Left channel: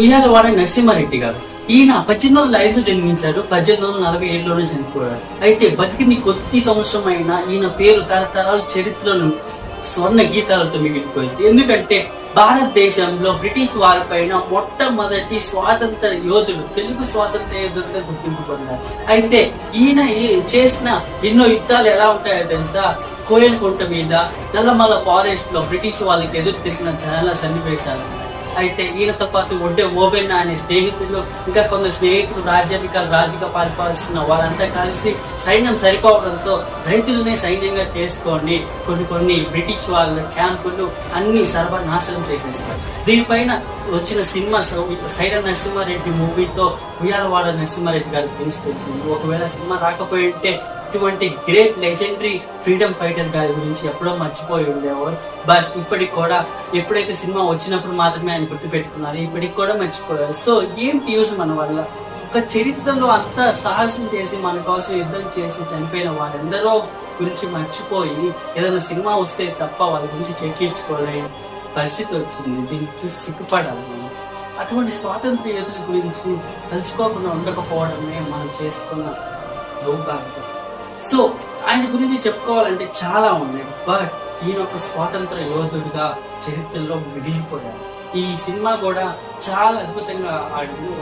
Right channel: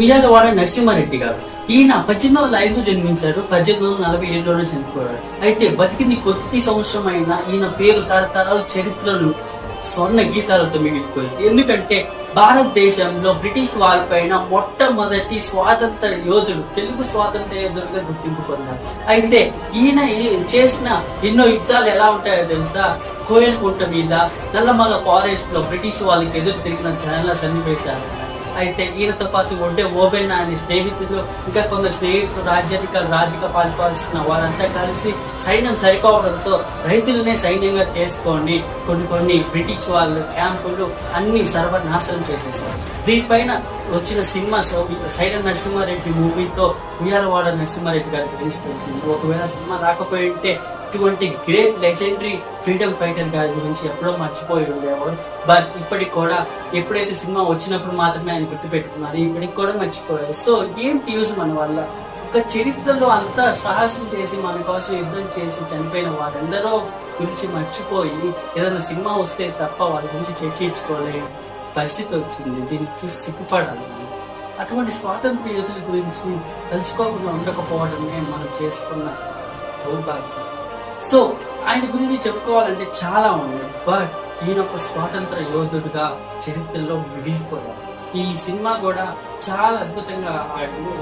ఉయ్యాలవాడ నరసింహారెడ్డి గారు. ఈయన 1805లో జన్మించారు, 1847లోనే చనిపోయారు. అయితే బతికింది కొద్ది సంవత్సరం అయినా ఈయన పేరు తరతరాల చరిత్రను స్వర్ణ గీతాలతో మిగిలిపోయింది. ఎందుకంటే భారతదేశంలో బ్రిటిష్ వారిపైన మొట్టమొదటి స్వాతంత్ర యోధుడు, తెలుగు స్వాతంత్ర యోధుడుగా గుర్తింపు పొందారు. అయితే ఈయన చేసిన ఎన్నో యుద్ధాలు ఎలా ఉంటాయో తెలుసా? కోయలకుంట మీద, నల్లమల ఫారెస్ట్ లో బ్రిటిష్ వాళ్ళకి ఎదురు తిరిగిన చాలా సన్నివేశాలు. అయితే ఈయనతో పాటు ఒడ్డే మోబెన్న అనే స్నేహితులు, ఇంకా కొందరు స్నేహితులు రాజుగా పాల్పడుతున్న వారంతా కలిసి సైన్యం సరిపోవడంతో రైతులనే సైన్యంగా చేసుకొని కొన్ని బ్రిటిష్ వాళ్ళ క్యాంపులు అన్ని సర్వనాశనం చేసేసారు. దీనిపైన వచ్చిన సినిమా సైరా నరసింహారెడ్డి మూవీతో ఉయ్యాలవాడ నరసింహారెడ్డి గారికి తెలిసింది. ఒకవేళ సినిమా రాకపోయి ఉంటే ఇటువంటి గ్రేట్ లెజెండరీ ఫ్రీడమ్ ఫైటర్ గారి గురించి ఎప్పుడో మర్చిపోయి ఉండేవారు. బట్ ఇప్పటికి కూడా ఎప్పుడైతే సినిమా వచ్చినప్పుడు మాత్రమే ఆయన గుర్తుపెట్టుకున్నారు, ఇప్పటికి కూడా మర్చిపోయారు. సో ఏంటి యూజ్ మన వల్ల? ఒక చరిత్రలో అంత సాహసం చేసి మన కోసం యుద్ధం చేసి చనిపోయిన వారందరూ గురించి మర్చిపోయి ఏదైనా సినిమా వస్తే తప్ప వాళ్ళ గురించి చర్చించుకోలేని పరిస్థితి వచ్చింది. దీనికి చూసి సిగ్గుపడాలి. అటువంటి స్వాతంత్ర యోధుల గురించి తెలుసుకోకుండా ఉండకపోవడమే మనం చేసుకున్న దౌర్భాగ్యం. సో ఆయన గురించి చెప్పుకోవాలంటే చాలా ఉన్నాయి, బట్ ఈయన ఒక స్వాతంత్ర యోధుడిగా చరిత్రలో మిగిలిపోయాడు. ఈ సినిమా కూడా చాలా అద్భుతంగా ఆడింది.